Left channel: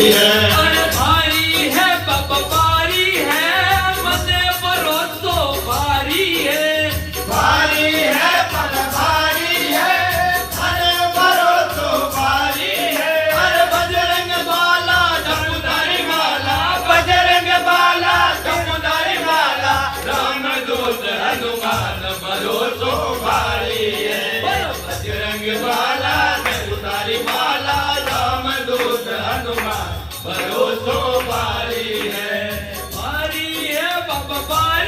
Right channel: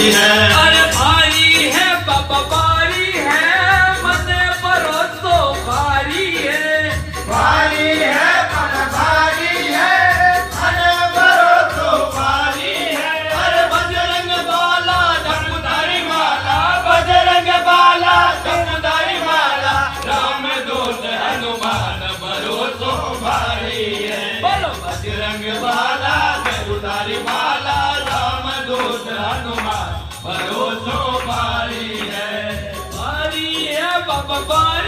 है। अरे भारी है बाबा भारी है, मने भरोसो भारी है। भारी है मन भारी है, मन भरोसो भारी है। अरे बजरंग बाला जमुदारी माला, बजरंग बाला जमुदारी माला, राम दूत हनुमान भरोसो भारी है। बोलो बजरंग बाला जमुदारी माला, राम दूत हनुमान भरोसो भारी है। भारी है बाबा भारी